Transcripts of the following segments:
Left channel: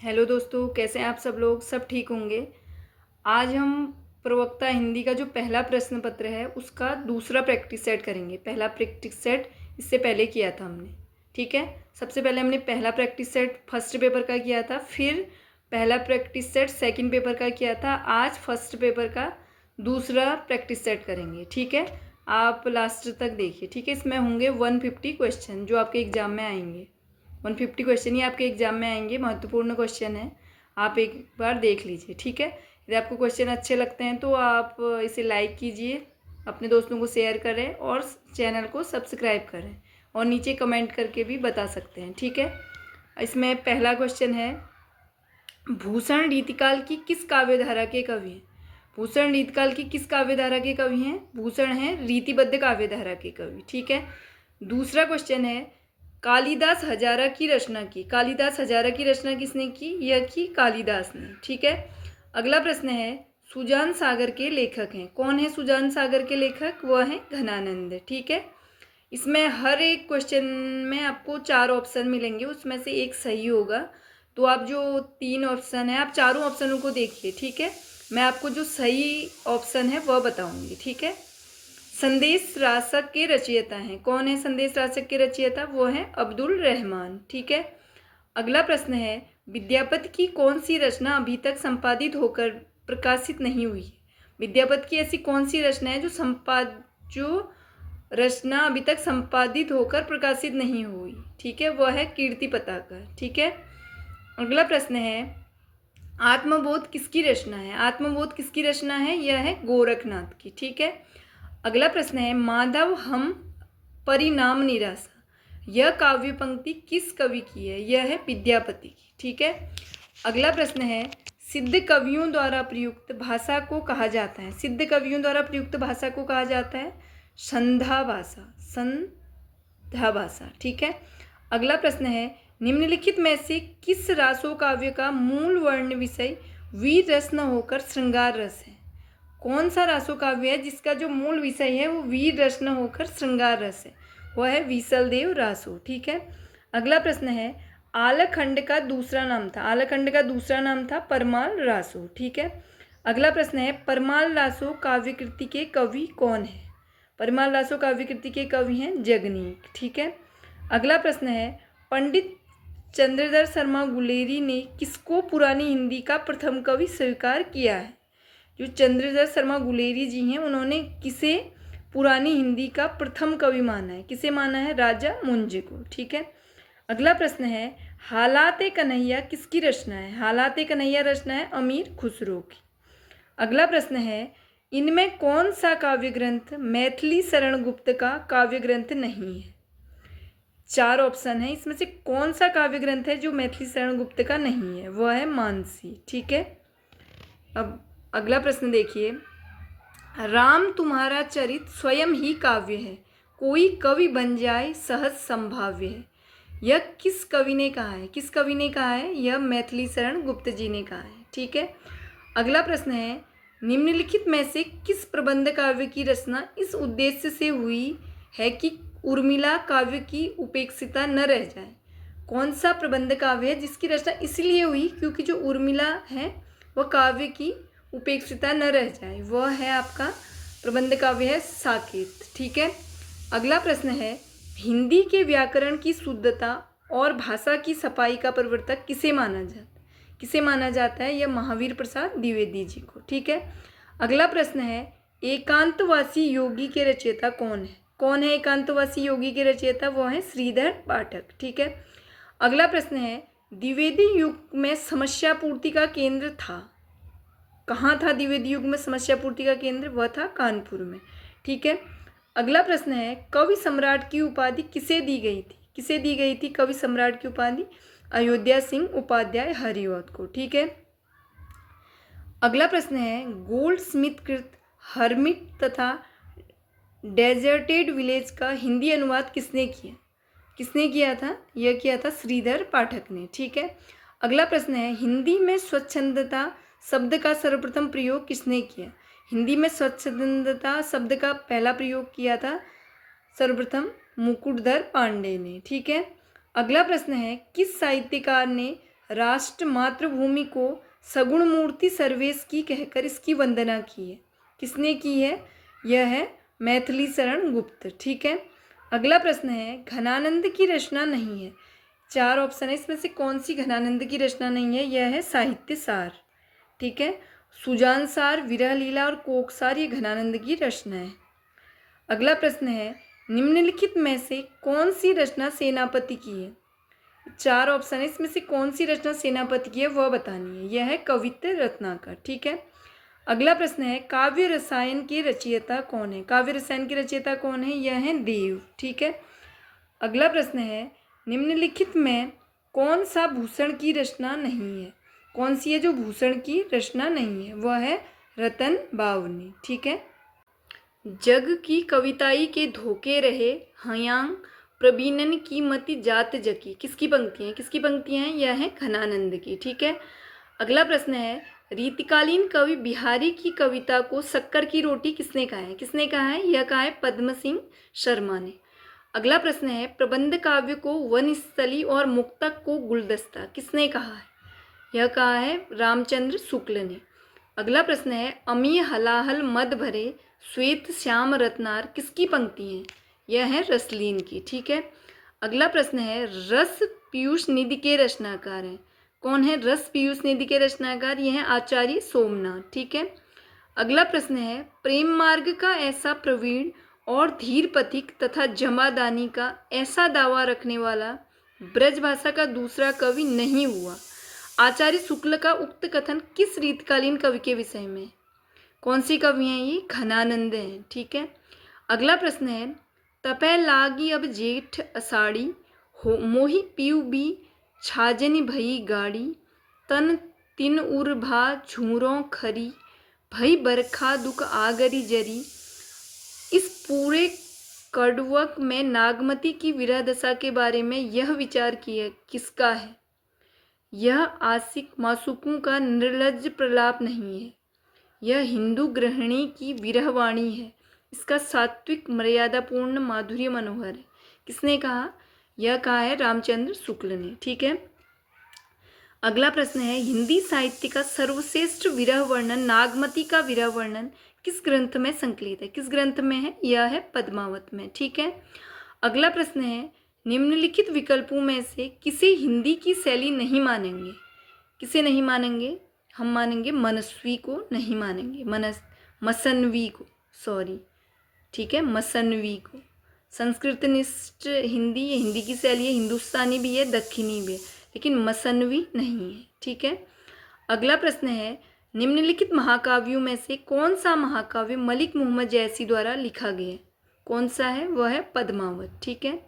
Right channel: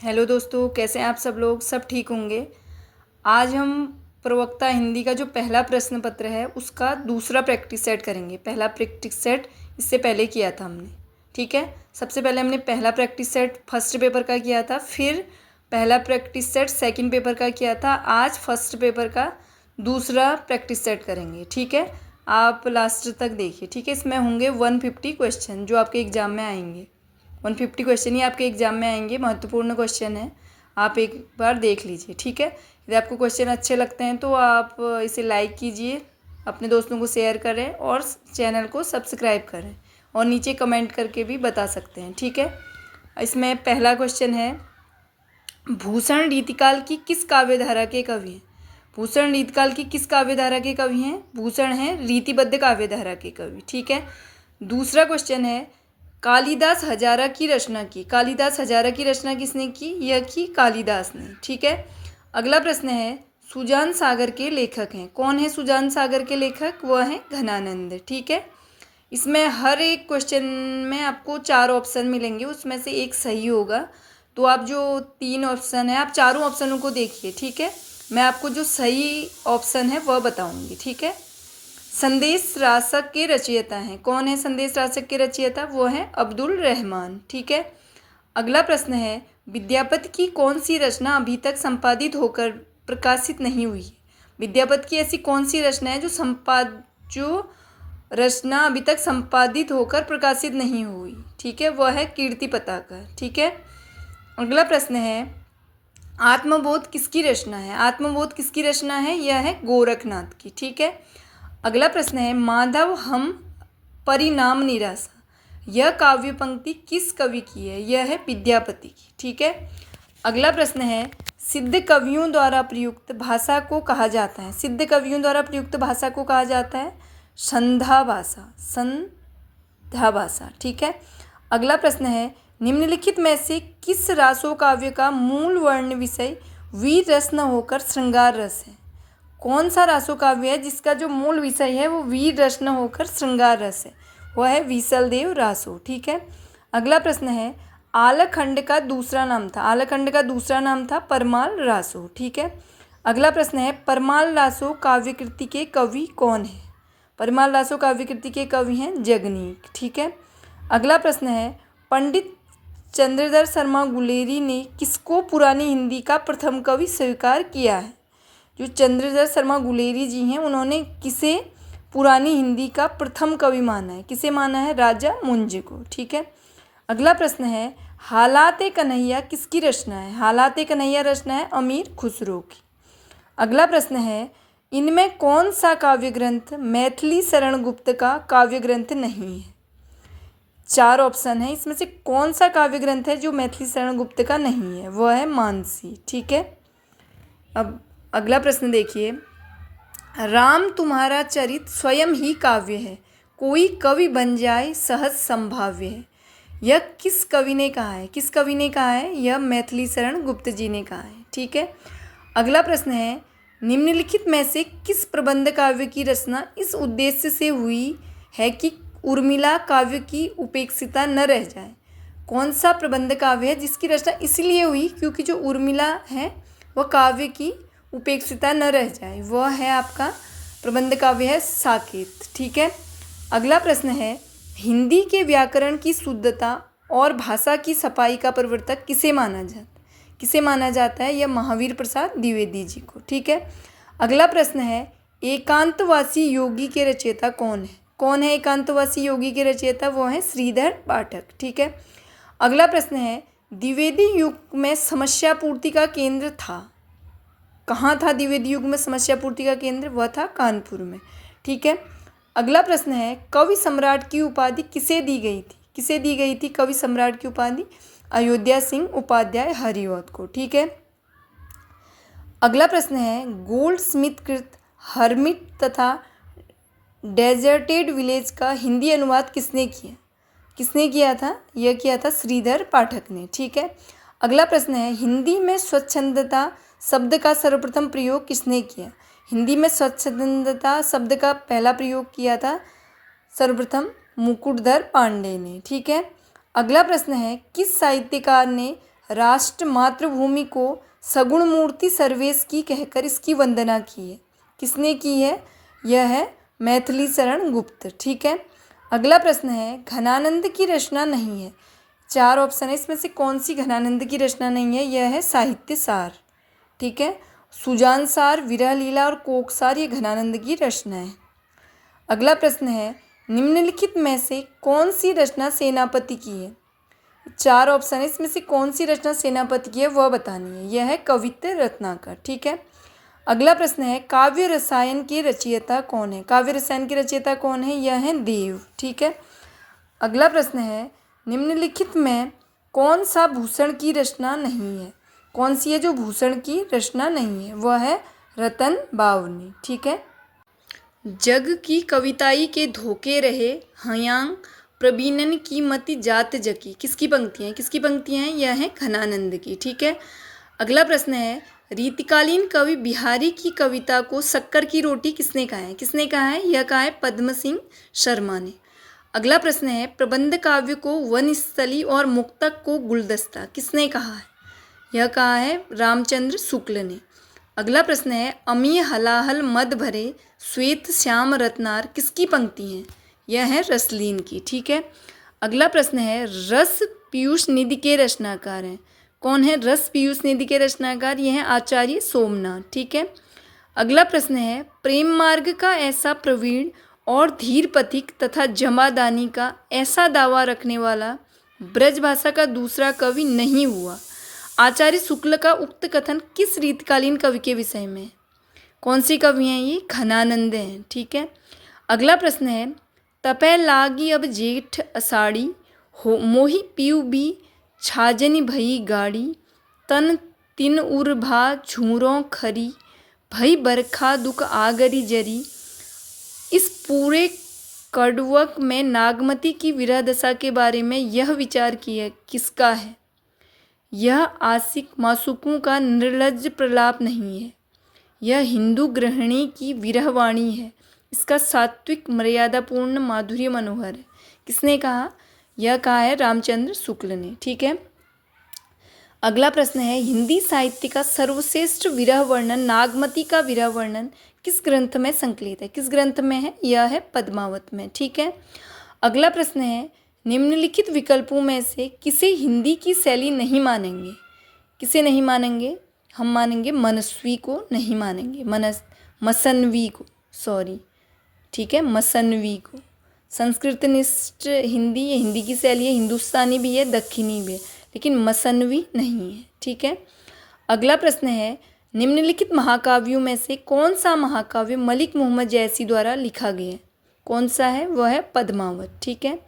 Hello दोस्तों, कैसे हैं आप सब लोग। सब ठीक होंगे। आज हम प्रवक्ता हिंदी का जो पहला प्रश्न पत्र है उसका दूसरा प्रैक्टिस सेट करेंगे। पहला प्रैक्टिस सेट इससे पहले किया था हमने, ठीक है। सबसे पहले हमने पहला प्रैक्टिस सेट फर्स्ट पेपर का किया था, फिर पहला प्रैक्टिस सेट सेकंड पेपर का किया था। आज फर्स्ट पेपर का दूसरा प्रैक्टिस सेट करेंगे, ठीक है। आप लास्ट तक देखिए, ठीक है। इसमें होंगे 150 क्वेश्चन जो आपके एग्ज़ाम में आएंगे। 150 क्वेश्चन ही आपके एग्ज़ाम में आएंगे। महत्वपूर्ण क्वेश्चन है, आप एक बार देख लीजिए, ठीक है। यदि आपको क्वेश्चन अच्छे लगते हैं तो आप इसे लाइक कीजिए, अपने दोस्तों को शेयर करें और चैनल को सब्सक्राइब करें, और नीचे कमेंट करके भी बता सकते हैं, ठीक है। इसमें पहला क्वेश्चन है, भूषण रीतिकाल की किस काव्यधारा के कवि हैं। भूषण रीतिकाल की किस काव्यधारा के कवि हैं। भूषण हैं रीतिबद्ध काव्यधारा के कवि, ठीक है। दूसरा क्वेश्चन है, कालिदास हजारा की रचना की। कालिदास हजारा की रचना किसने की। यह की कालिदास ने, ठीक है। अगला प्रश्न है, सुजान सागर के लेखक हैं। कौन है सुजान सागर के लेखक। वह हैं घनानंद, ठीक है। इसमें हर एक क्वेश्चन में आपको 4 ऑप्शन मिलेंगे, उसमें से एक सही होगा। तो आप जो 3 ऑप्शन है, आप चारों ऑप्शनों को देखिए, ठीक है। मैं आपको जो सही ऑप्शन है वह बताऊंगी, ठीक है। संदेश रासक के रचयिता हैं। कौन है संदेश रासक के रचयिता। वो हैं अब्दुल रहमान, ठीक है। अगला प्रश्न है, विद्यापति की कौन सी रचना अभी तक संपादित होकर प्रकाशित नहीं हुई। विद्यापति की ऐसी कौन सी रचना है जो रचना अभी तक संपादित होकर प्रकाशित नहीं हुई, ठीक है। वह है कीर्ति पताका, ठीक है। अगला प्रश्न है, आत्मबोध किसकी रचना है। आत्मबोध किसकी रचना है। यह है गोरखनाथ की, ठीक है। अगला प्रश्न है, माधव हम परिणाम निराशा। यह काव्य पंक्ति किस कवि की है। यह है विद्यापति की, ठीक है। अगला प्रश्न है, सिद्ध कवियों द्वारा प्रयुक्त भाषा को कहा जाता है। सिद्ध कवियों द्वारा प्रयुक्त भाषा को कहा जाता है संधा भाषा। संधा भाषा, ठीक है। अगला प्रश्न है, निम्नलिखित में से किस रासो काव्य का मूल वर्ण विषय वीर रस न होकर श्रृंगार रस है। कौन सा रासो काव्य है जिसका जो मूल विषय है वो वीर रस न होकर श्रृंगार रस है। वह है विसलदेव रासो, ठीक है। अगला प्रश्न है, आलखंड का दूसरा नाम था। आलखंड का दूसरा नाम था परमाल रासो, ठीक है। अगला प्रश्न है, परमाल रासो काव्यकृति के कवि कौन है। परमाल रासो काव्यकृति के कवि हैं जगनीक, ठीक है। अगला प्रश्न है, पंडित चंद्रधर शर्मा गुलेरी ने किसको पुरानी हिंदी का प्रथम कवि स्वीकार किया है। जो चंद्रधर शर्मा गुलेरी जी हैं उन्होंने किसे पुरानी हिंदी का प्रथम कवि माना है। किसे माना है। राजा मुंजे को, ठीक है। अगला प्रश्न है, हालात कन्हैया किसकी रचना है। हालात कन्हैया रचना है अमीर खुसरो की। अगला प्रश्न है, इनमें कौन सा काव्य ग्रंथ मैथिली शरण गुप्त का काव्य ग्रंथ नहीं है। 4 ऑप्शन है, इसमें से कौन सा काव्य ग्रंथ है जो मैथिली शरण गुप्त का नहीं है। वह है मानसी, ठीक है। अब अगला प्रश्न देखिए, राम तुम्हारा चरित स्वयं ही काव्य है, कोई कवि बन जाए सहज संभाव्य है। यह किस कवि ने कहा है। किस कवि ने कहा है। यह मैथिली शरण गुप्त जी ने कहा है, ठीक है। अगला प्रश्न है, निम्नलिखित में से किस प्रबंध काव्य की रचना इस उद्देश्य से हुई है कि उर्मिला काव्य की उपेक्षिता न रह जाए। कौन सा प्रबंध काव्य है जिसकी रचना इसलिए हुई क्योंकि जो उर्मिला है वह काव्य की उपेक्षिता न रह जाए। वह है आपका प्रबंध काव्य है साकेत, ठीक है। अगला प्रश्न है, हिंदी के व्याकरण की शुद्धता और भाषा की सफाई का प्रवर्तक किसे माना जाता है। किसे माना जाता है। यह महावीर प्रसाद द्विवेदी जी को, ठीक है। अगला प्रश्न है, एकांतवासी योगी के रचयिता कौन है। कौन है एकांतवासी योगी के रचयिता। वो है श्रीधर पाठक, ठीक है। अगला प्रश्न है, द्विवेदी युग में समस्या पूर्ति का केंद्र था। कहाँ था द्विवेदी युग में समस्या पूर्ति का केंद्र। वह था कानपुर में, ठीक है। अगला प्रश्न है, कवि सम्राट की उपाधि किसे दी गई थी। किसे दी गई थी कवि सम्राट की उपाधि। अयोध्या सिंह उपाध्याय हरिऔध को, ठीक है। अगला प्रश्न है, गोल्ड स्मिथ कृत हर्मिट तथा डेजर्टेड विलेज का हिंदी अनुवाद किसने किया। किसने किया था। यह किया था श्रीधर पाठक ने, ठीक है। अगला प्रश्न है, हिंदी में स्वच्छंदता शब्द का सर्वप्रथम प्रयोग किसने किया। हिंदी में स्वच्छंदता शब्द का पहला प्रयोग किया था सर्वप्रथम मुकुटधर पांडे ने, ठीक है। अगला प्रश्न है, किस साहित्यकार ने राष्ट्र मातृभूमि को सगुण मूर्ति सर्वेश की कहकर इसकी वंदना की है। किसने की है? यह है मैथिली शरण गुप्त। ठीक है। अगला प्रश्न है, घनानंद की रचना नहीं है। 4 ऑप्शन है, इसमें से कौन सी घनानंद की रचना नहीं है? यह है साहित्य सार। ठीक है। सुजान सार, विरह लीला और कोक सार ये घनानंद की रचना है। अगला प्रश्न है, निम्नलिखित में से कौन सी रचना सेनापति की है? 4 ऑप्शन है, इसमें से कौन सी रचना सेनापति की है वह बतानी है। यह है कवित्त रत्नाकर। ठीक है। अगला प्रश्न है, काव्य रसायन के रचयिता कौन है? काव्य रसायन के रचयिता कौन है? यह है देव। ठीक है। अगला प्रश्न है, निम्नलिखित में कौन सा भूषण की रचना नहीं है? कौन सी है जो भूषण की रचना नहीं है? वह है रतन बावनी। ठीक है। जग की कविताई के धोखे रहे हयांग प्रवीणन की मति जात जकी। किसकी पंक्तियाँ हैं? किसकी पंक्तियाँ हैं? यह है घनानंद की। ठीक है। अगला प्रश्न है, रीतिकालीन कवि बिहारी की कविता को शक्कर की रोटी किसने कहा है? किसने कहा है? यह कहा है पद्म सिंह शर्मा ने। अगला प्रश्न है, प्रबंध काव्य को वनस्थली और मुक्तक को गुलदस्ता किसने कहा है? यह कहा है रामचंद्र शुक्ल ने। अगला प्रश्न है, अमीय हलाहल मद भरे श्वेत श्याम रत्नार किसकी पंक्ति है? यह है रसलीन की। ठीक है। अगला प्रश्न है, रस पीयूष निधि के रचनाकार हैं। कौन है रस पीयूष निधि के रचनाकार? यह है आचार्य सोमनाथ। ठीक है। अगला प्रश्न है, प्रेम मार्ग का ऐसा प्रवीण और धीर पथिक तथा जमादानी का ऐसा दावा रखने वाला ब्रजभाषा का दूसरा कवि नहीं हुआ। आचार्य शुक्ल का उक्त कथन किस रीतकालीन कवि के विषय में? कौन सी कवि हैं ये? घनानंद हैं। ठीक है। अगला प्रश्न है, तपै लागी अब जेठ अषाढ़ी हो मोहि पीऊ भी छाजनी भई गाड़ी तन तिन उर भा झूरों खरी भई बरखा दुख आगरी जरी। इस पूरे कड़वक में नागमती की विरह दशा के बारे में यह विचार किया किसका है? यह आशिक मासूकों का निर्लज्ज प्रलाप नहीं है, यह हिंदू गृहिणी की विरहवाणी है। इसका सात्विक मर्यादापूर्ण माधुर्य मनोहर है। किसने कहा? यह कहा है रामचंद्र शुक्ल ने। ठीक है। अगला प्रश्न है, हिंदी साहित्य का सर्वश्रेष्ठ विरह वर्णन नागमती का विरह वर्णन किस ग्रंथ में संकलित है? किस ग्रंथ में है? यह है पद्मावत में। ठीक है। अगला प्रश्न है, निम्नलिखित विकल्पों में से किसे हिंदी की शैली नहीं मानेंगे? किसे नहीं मानेंगे? हम मानेंगे मनस्वी को नहीं मानेंगे, मसनवी को, सॉरी। ठीक है, मसनवी को। संस्कृतनिष्ठ हिंदी, ये हिंदी की शैली है, हिंदुस्तानी भी है, दक्षिणी भी है, लेकिन मसनवी नहीं है। ठीक है। अगला प्रश्न है, निम्नलिखित महाकाव्यों में से कौन सा महाकाव्य मलिक मोहम्मद जैसी द्वारा लिखा गया है? कौन सा है? वह है पद्मावत। ठीक है।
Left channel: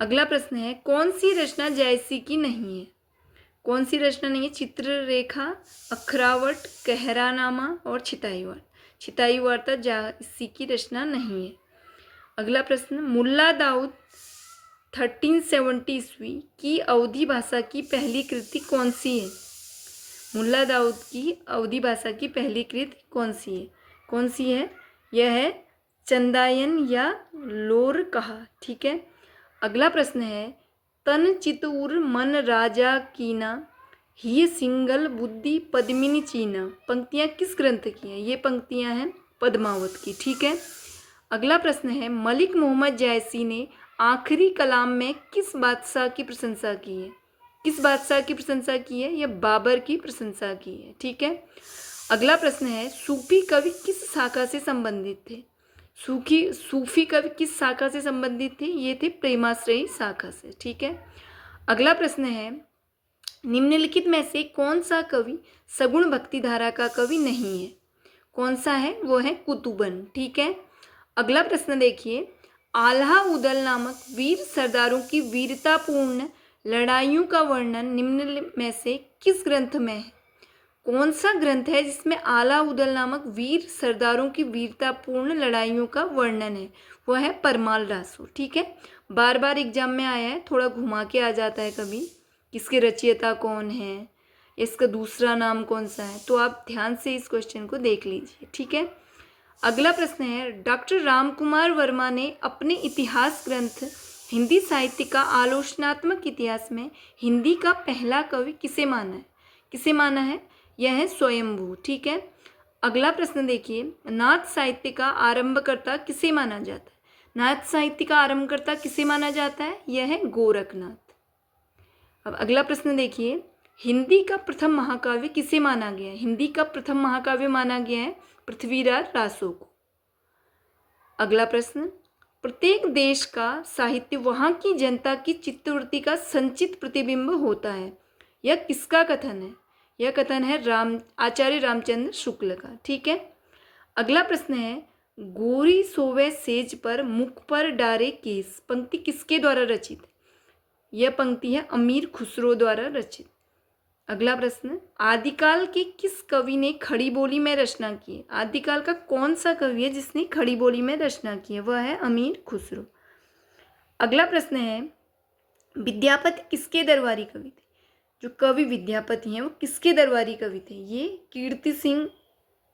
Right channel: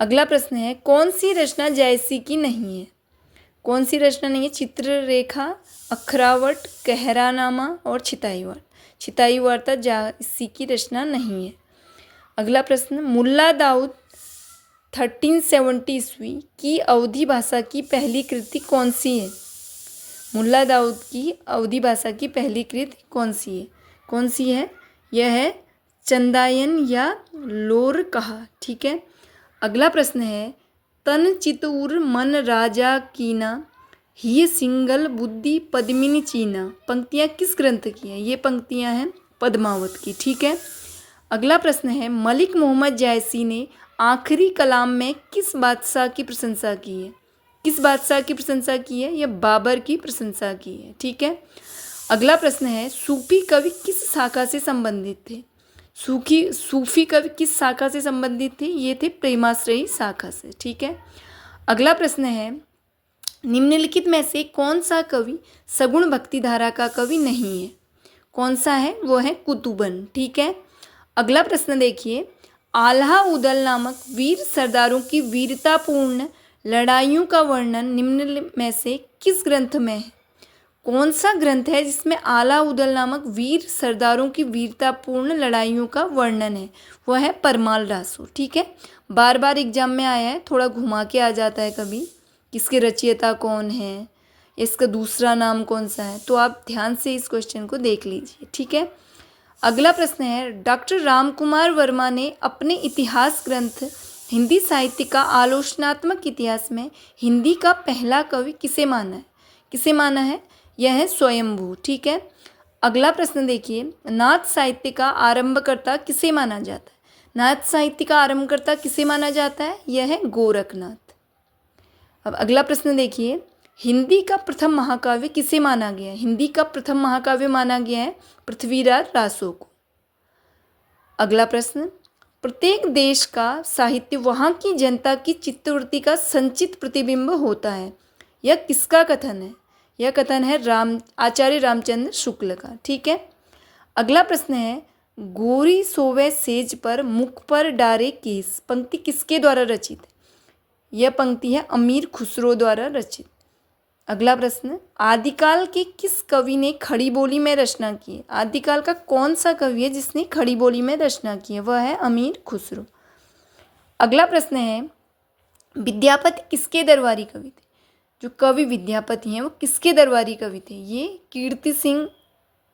अगला प्रश्न है, कौन सी रचना जैसी की नहीं है? कौन सी रचना नहीं है? चित्ररेखा, अखरावट, कहरानामा और छिताई वार्ता। छिताई वार्ता जैसी की रचना नहीं है। अगला प्रश्न, मुल्ला दाऊद 1370 ईस्वी की अवधी भाषा की पहली कृति कौन सी है? मुल्ला दाऊद की अवधी भाषा की पहली कृति कौन सी है? कौन सी है? यह है चंदायन या लोर कहा। ठीक है। अगला प्रश्न है, तन चितूर मन राजा कीना ही सिंगल बुद्धि पद्मिनी चीना पंक्तियाँ किस ग्रंथ की हैं? ये पंक्तियाँ हैं पद्मावत की। ठीक है। अगला प्रश्न है, मलिक मोहम्मद जैसी ने आखिरी कलाम में किस बादशाह की प्रशंसा की है? किस बादशाह की प्रशंसा की है? यह बाबर की प्रशंसा की है। ठीक है। अगला प्रश्न है, सूफी कवि किस शाखा से संबंधित थे? सूफी कवि किस शाखा से संबंधित थे? ये थे प्रेमाश्रयी शाखा से। ठीक है। अगला प्रश्न है, निम्नलिखित में से कौन सा कवि सगुण भक्ति धारा का कवि नहीं है? कौन सा है? वो है कुतुबन। ठीक है। अगला प्रश्न देखिए, आल्हा उदल नामक वीर सरदारों की वीरतापूर्ण लड़ाइयों का वर्णन निम्न में से किस ग्रंथ में है? कौन सा ग्रंथ है जिसमें आला उदल नामक वीर सरदारों की वीरतापूर्ण लड़ाइयों का वर्णन है? वह है परमाल रासो। ठीक है। बार बार एग्जाम में आया है, थोड़ा घुमा के आ जाता है कभी, किसके रचयिता कौन है, इसका दूसरा नाम कौन सा है, तो आप ध्यान से इस क्वेश्चन को देख लीजिए। ठीक है। अगला प्रश्न है, डॉक्टर रामकुमार वर्मा ने अपने इतिहास ग्रंथ हिंदी साहित्य का आलोचनात्मक इतिहास में हिंदी का पहला कवि किसे माना है? किसे माना है? यह है स्वयंभू। ठीक है। अगला प्रश्न देखिए, नाथ साहित्य का आरंभकर्ता किसे माना जाता है? नाथ साहित्य का आरंभकर्ता किसे माना जाता है? यह है गोरखनाथ। अब अगला प्रश्न देखिए, हिंदी का प्रथम महाकाव्य किसे माना गया है? हिंदी का प्रथम महाकाव्य माना गया है पृथ्वीराज रासो को। अगला प्रश्न, प्रत्येक देश का साहित्य वहाँ की जनता की चित्तवृत्ति का संचित प्रतिबिंब होता है। यह किसका कथन है? यह कथन है आचार्य रामचंद्र शुक्ल का। ठीक है। अगला प्रश्न है, गोरी सोवे सेज पर मुख पर डारे केस पंक्ति किसके द्वारा रचित है? यह पंक्ति है अमीर खुसरो द्वारा रचित। अगला प्रश्न, आदिकाल के किस कवि ने खड़ी बोली में रचना की है? आदिकाल का कौन सा कवि है जिसने खड़ी बोली में रचना की है? वह है अमीर खुसरो। अगला प्रश्न है, विद्यापति किसके दरबारी कवि थे? जो कवि विद्यापति हैं वो किसके दरबारी कवि थे? ये कीर्ति सिंह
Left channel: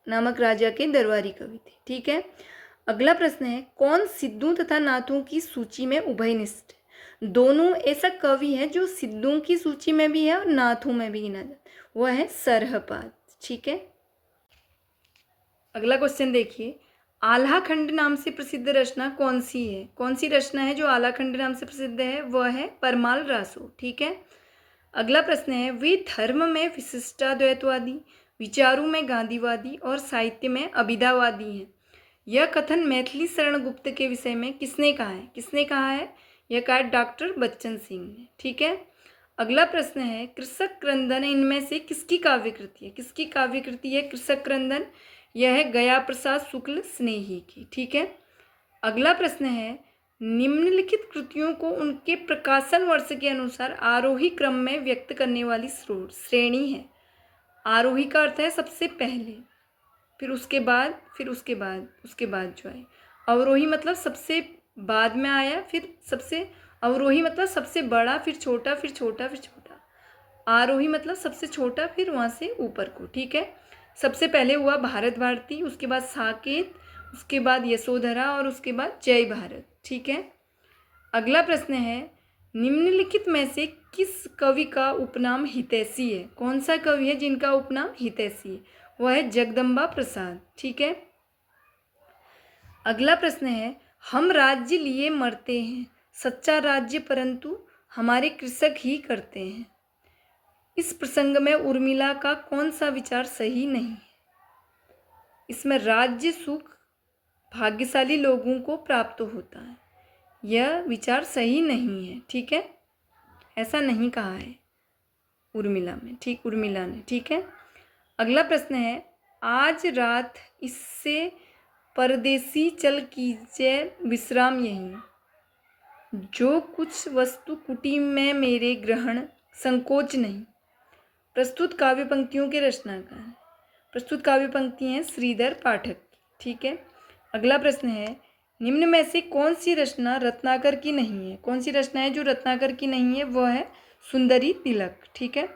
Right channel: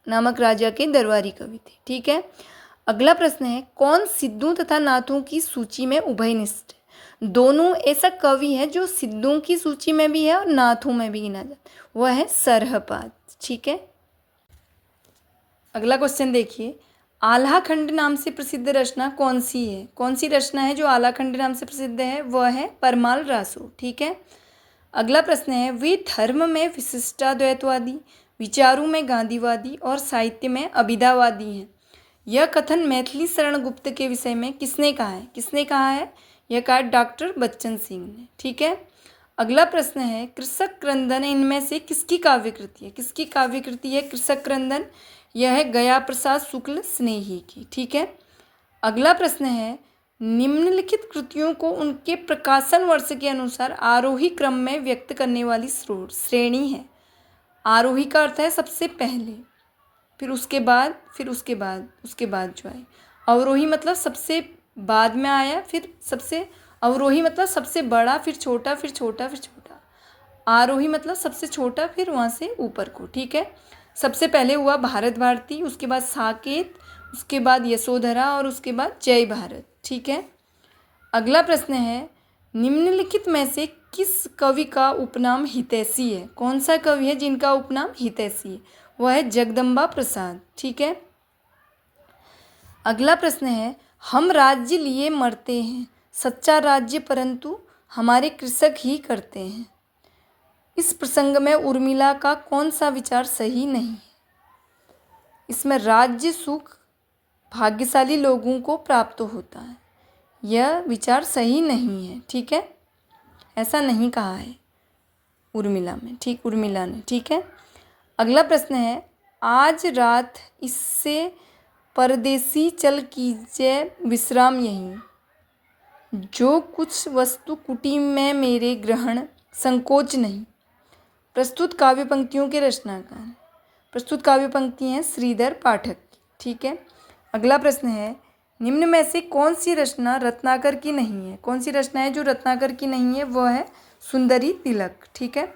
नामक राजा के दरबारी कवि थे। ठीक है। अगला प्रश्न है, कौन सिद्धों तथा नाथों की सूची में उभयनिष्ठ? दोनों ऐसा कवि है जो सिद्धों की सूची में भी है और नाथों में भी गिना जाता है, वह है सरहपाद। ठीक है। अगला क्वेश्चन देखिए, आल्हा खंड नाम से प्रसिद्ध रचना कौन सी है? कौन सी रचना है जो आल्हा खंड नाम से प्रसिद्ध है? वह है परमाल रासो। ठीक है। अगला प्रश्न है, वे धर्म में विशिष्टाद्वैतवादी, विचारों में गांधीवादी और साहित्य में अभिधावादी हैं। यह कथन मैथिली शरण गुप्त के विषय में किसने कहा है? किसने कहा है? यह कहा डॉक्टर बच्चन सिंह ने। ठीक है। अगला प्रश्न है, कृषक क्रंदन इनमें से किसकी काव्यकृति है? किसकी काव्यकृति है कृषक क्रंदन? यह है गया प्रसाद शुक्ल स्नेही की। ठीक है। अगला प्रश्न है, निम्नलिखित कृतियों को उनके प्रकाशन वर्ष के अनुसार आरोही क्रम में व्यक्त करने वाली श्रेणी है। आरोही का अर्थ है सबसे पहले, फिर उसके बाद, फिर उसके बाद, उसके बाद जो है अवरोही मतलब सबसे बाद में आया, फिर सबसे अवरोही मतलब सबसे बड़ा, फिर छोटा, फिर छोटा, फिर छोटा। आरोही मतलब सबसे छोटा, फिर वहाँ से ऊपर को। ठीक है। सबसे पहले हुआ भारत भारती, उसके बाद साकेत, उसके बाद यशोधरा और उसके बाद जय भारत। ठीक है। अगला प्रश्न है, निम्नलिखित में से किस कवि का उपनाम हितैषी है? कौन सा कवि है जिनका उपनाम हितैषी है? वह है जगदम्बा प्रसाद। ठीक है। अगला प्रश्न है, हम राज्य लिए मरते हैं, सच्चा राज्य परंतु हमारे कृषक ही करते हैं। इस प्रसंग में उर्मिला का कौन सा विचार सही नहीं है? इसमें राज्य सुख भाग्यशाली लोगों को प्राप्त होता है, यह विचार सही नहीं है। ठीक है। ऐसा नहीं कहा है उर्मिला में। ठीक, उर्मिला ने। ठीक है। अगला प्रश्न है, आज रात इससे परदेसी चल कीजिए विश्राम यहीं, जो कुछ वस्तु कुटी में मेरे ग्रहण संकोच नहीं। प्रस्तुत काव्य पंक्तियों के रचनाकार हैं। प्रस्तुत काव्य पंक्ति हैं श्रीधर पाठक की। ठीक है। अगला प्रश्न है, निम्न में से कौन सी रचना रत्नाकर की नहीं है? कौन सी रचना है जो रत्नाकर की नहीं है? वह है सुंदरी तिलक। ठीक है।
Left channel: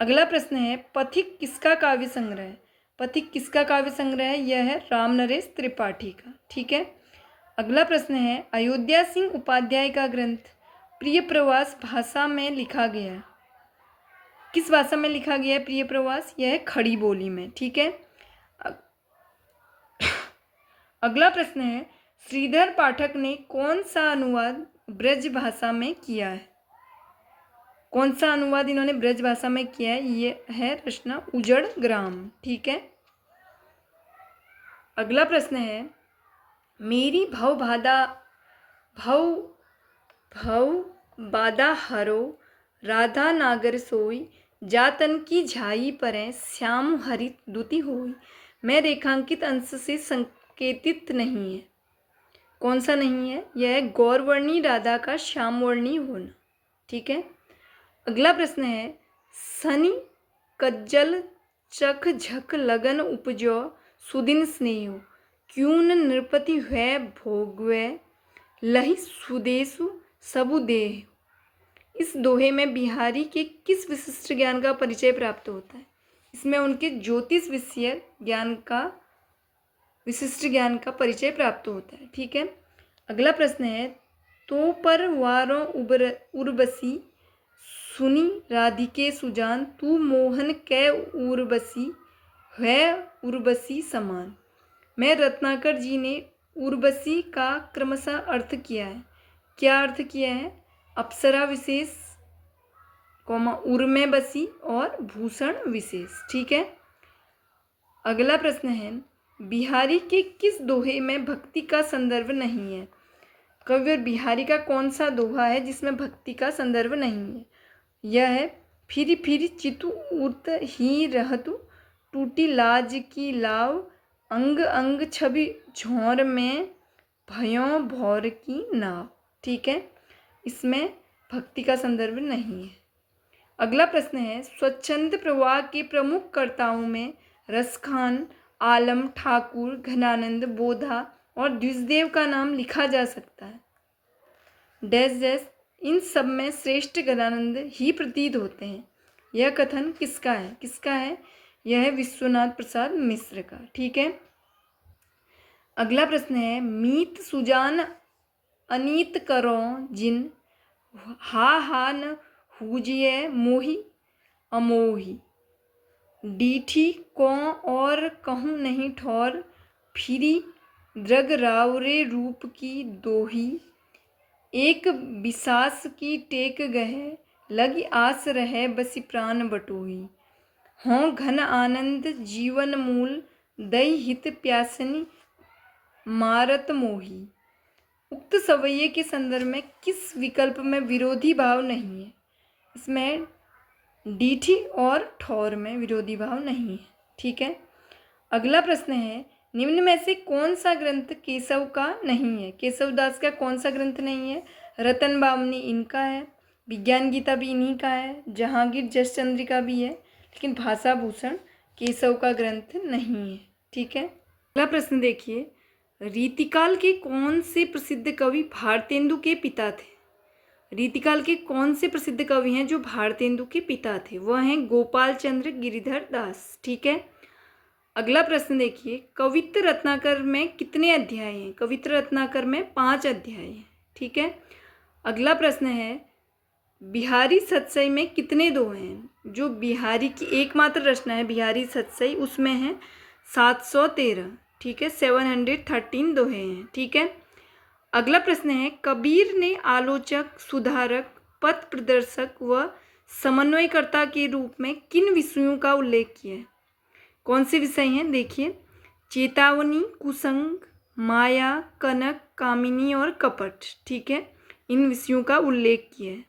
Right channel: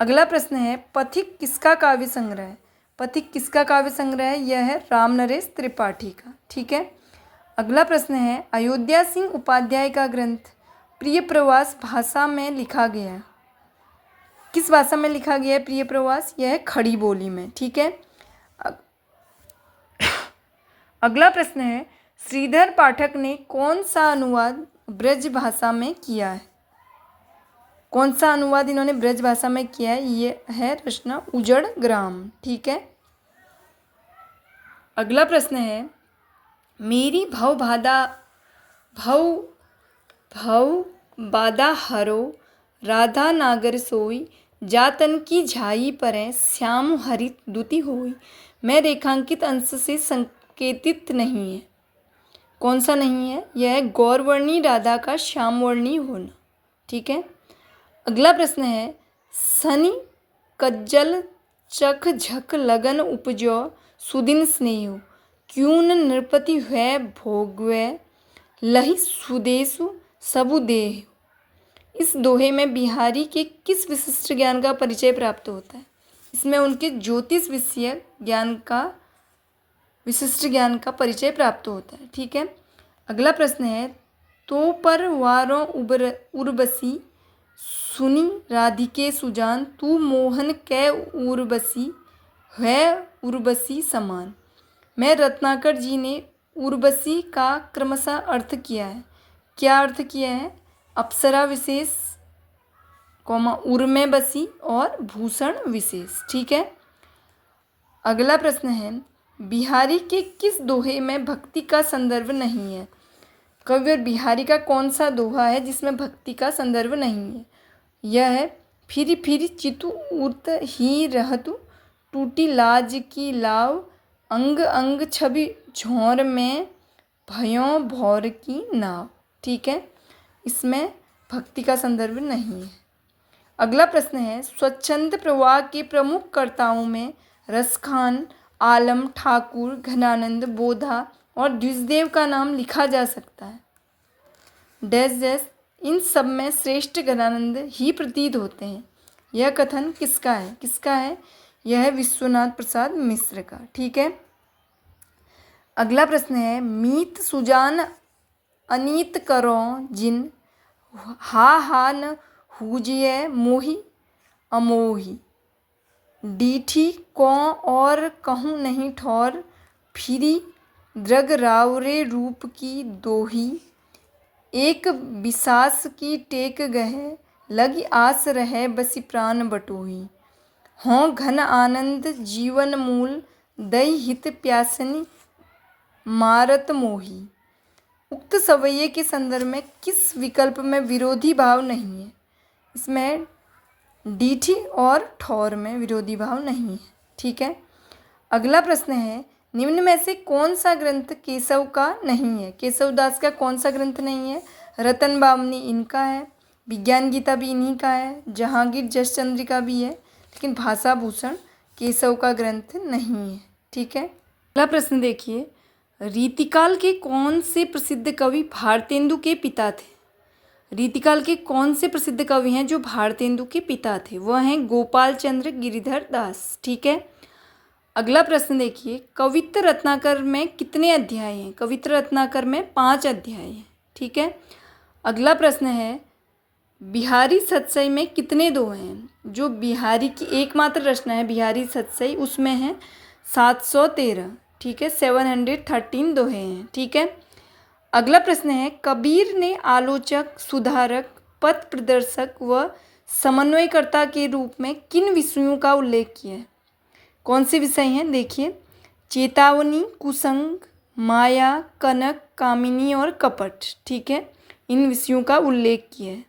अगला प्रश्न है, पथिक किसका काव्य संग्रह है? पथिक किसका काव्य संग्रह है? यह है राम नरेश त्रिपाठी का। ठीक है। अगला प्रश्न है, अयोध्या सिंह उपाध्याय का ग्रंथ प्रिय प्रवास भाषा में लिखा गया, किस भाषा में लिखा गया है प्रिय प्रवास? यह है खड़ी बोली में। ठीक है। अगला प्रश्न है, श्रीधर पाठक ने कौन सा अनुवाद ब्रज भाषा में किया है? कौन सा अनुवाद इन्होंने ब्रज भाषा में किया है? ये है रचना उजड़ ग्राम। ठीक है। अगला प्रश्न है, मेरी भव बाधा हरो राधा नागर सोई, जातन की झाई परें श्याम हरित दुति होई। मैं रेखांकित अंश से संकेतित नहीं है। कौन सा नहीं है? यह है गौरवर्णी राधा का श्यामवर्णी होना। ठीक है। अगला प्रश्न है, सनी कज्जल चख झक लगन उपजो सुदिन स्नेह, क्यों न नृपति है भोगवे लहि सुदेशु सबु देह। इस दोहे में बिहारी के किस विशिष्ट ज्ञान का परिचय प्राप्त होता है? इसमें उनके ज्योतिष विषय ज्ञान का विशिष्ट ज्ञान का परिचय प्राप्त होता है। ठीक है। अगला प्रश्न है, तो पर वारों उर्वशी सुनी राधिके सुजान, तू मोहन कै उर्वशी है उर्वशी समान। मैं रत्नाकर जी ने उर्वशी का क्रमशः अर्थ किया है। क्या अर्थ किया है? अप्सरा विशेष, उर्मे बसी और भूषण विशेष। ठीक है। अगला प्रश्न है, बिहारी के किस दोहे में भक्ति का संदर्भ नहीं है? कविवर बिहारी का कौन सा दोहा है जिसमें भक्ति का संदर्भ नहीं है? यह है, फिर फिर चितु उत ही रहतु, टूटी लाज की लाव, अंग अंग छवि झोर में, भयों भौर की नाव। ठीक है, इसमें भक्ति का संदर्भ नहीं है। अगला प्रश्न है, स्वच्छंद प्रवाह के प्रमुख कर्ताओं में रसखान, आलम, ठाकुर, घनानंद, बोधा और द्विजदेव का नाम लिखा जा सकता है। डैश डैश, इन सब में श्रेष्ठ घनानंद ही प्रतीत होते हैं। यह कथन किसका है? किसका है? यह है विश्वनाथ प्रसाद मिश्र का। ठीक है। अगला प्रश्न है, मीत सुजान अनीत करो जिन, हा न हुजिए मोही अमोही, डीठी को और कहूँ नहीं ठौर, फिरी द्रग रावरे रूप की दोही, एक बिसास की टेक गहे, लगी आस रहे बसी प्राण बटोही, हों घन आनंद जीवन मूल, दई हित प्यासनी मारत मोही। उक्त सवैये के संदर्भ में किस विकल्प में विरोधी भाव नहीं है? इसमें डीठी और ठौर में विरोधी भाव नहीं है। ठीक है। अगला प्रश्न है, निम्न में से कौन सा ग्रंथ केशव का नहीं है? केशवदास का कौन सा ग्रंथ नहीं है? रतन बामनी इनका है, विज्ञान गीता भी इन्हीं का है, जहांगीर जस चंद्रिका भी है, लेकिन भाषा भूषण केशव का ग्रंथ नहीं है। ठीक है। अगला प्रश्न देखिए, रीतिकाल के कौन से प्रसिद्ध कवि भारतेंदु के पिता थे? रीतिकाल के कौन से प्रसिद्ध कवि हैं जो भारतेंदु के पिता थे? वह हैं गोपाल चंद्र गिरिधर दास। ठीक है। अगला प्रश्न देखिए, कवित्र रत्नाकर में कितने अध्याय हैं? कवित्र रत्नाकर में 5 अध्याय हैं। ठीक है। अगला प्रश्न है, बिहारी सतसई में कितने दोहे हैं? जो बिहारी की एकमात्र रचना है बिहारी सतसई, उसमें है 713। ठीक है, 713 दोहे हैं। ठीक है। अगला प्रश्न है, कबीर ने आलोचक, सुधारक, पथ प्रदर्शक व समन्वयकर्ता के रूप में किन विषयों का उल्लेख किया है? कौन से विषय हैं? देखिए, चेतावनी, कुसंग, माया, कनक, कामिनी और कपट। ठीक है, इन विषयों का उल्लेख किया है।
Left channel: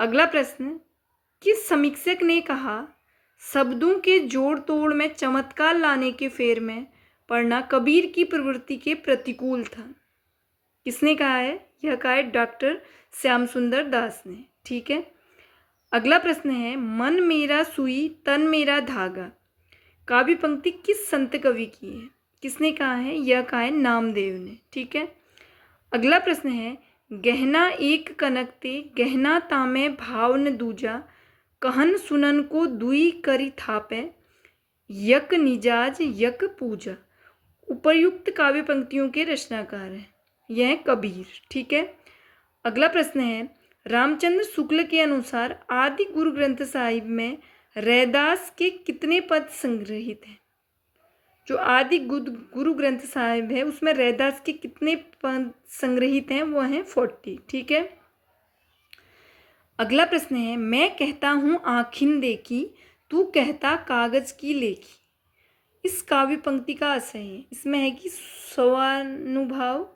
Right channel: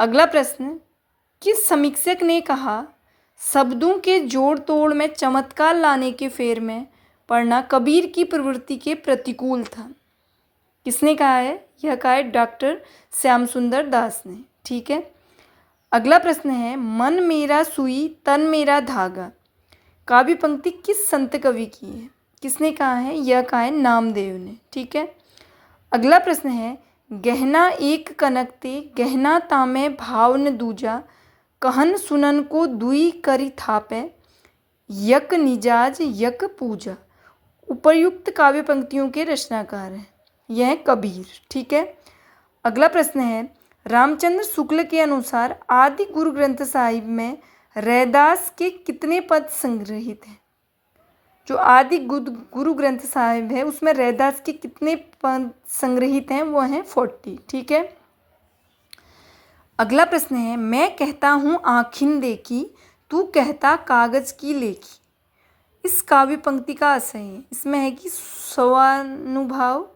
अगला प्रश्न, किस समीक्षक ने कहा, शब्दों के जोड़ तोड़ में चमत्कार लाने के फेर में पढ़ना कबीर की प्रवृत्ति के प्रतिकूल था? किसने कहा है? यह कहा है डॉक्टर श्याम सुंदर दास ने। ठीक है। अगला प्रश्न है, मन मेरा सुई तन मेरा धागा, काव्य पंक्ति किस संत कवि की है? किसने कहा है? यह कहा है नामदेव ने। ठीक है। अगला प्रश्न है, गहना एक कनक ते, गहना तामे भाव न दूजा, कहन सुनन को दुई करी थापे, यक निजाज यक पूजा। उपर्युक्त काव्य पंक्तियों के रचनाकार हैं, यह है कबीर। ठीक है। अगला प्रश्न है, रामचंद्र शुक्ल के अनुसार आदि गुरु ग्रंथ साहिब में रैदास के कितने पद संग्रहित हैं? जो आदि गुरु ग्रंथ साहिब है उसमें रैदास के कितने पद संग्रहित हैं? वो हैं 40। ठीक है। अगला प्रश्न है, मैं कहता हूँ आँखिन देखी, तू कहता कागज की लेखी। इस काव्य पंक्ति का आशय है, इसमें है कि स्वानुभव,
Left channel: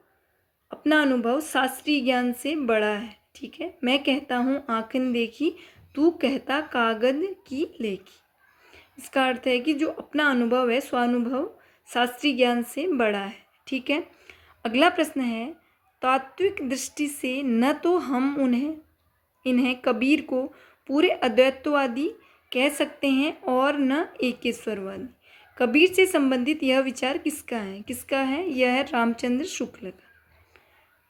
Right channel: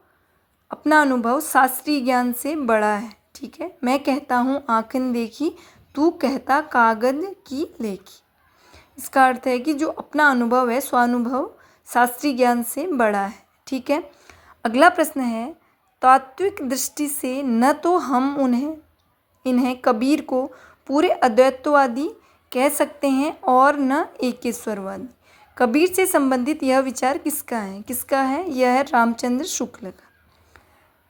अपना अनुभव शास्त्रीय ज्ञान से बड़ा है। ठीक है। मैं कहता हूँ आँखिन देखी, तू कहता कागज की लेखी। इसका अर्थ है कि जो अपना अनुभव है, स्वानुभव शास्त्रीय ज्ञान से बड़ा है। ठीक है। अगला प्रश्न है, तात्विक दृष्टि से न तो हम इन्हें कबीर को पूरे अद्वैतवादी कह सकते हैं और न एकेश्वरवादी। कबीर से संबंधित यह विचार किसका है? किसका है? यह है रामचंद्र शुक्ल का।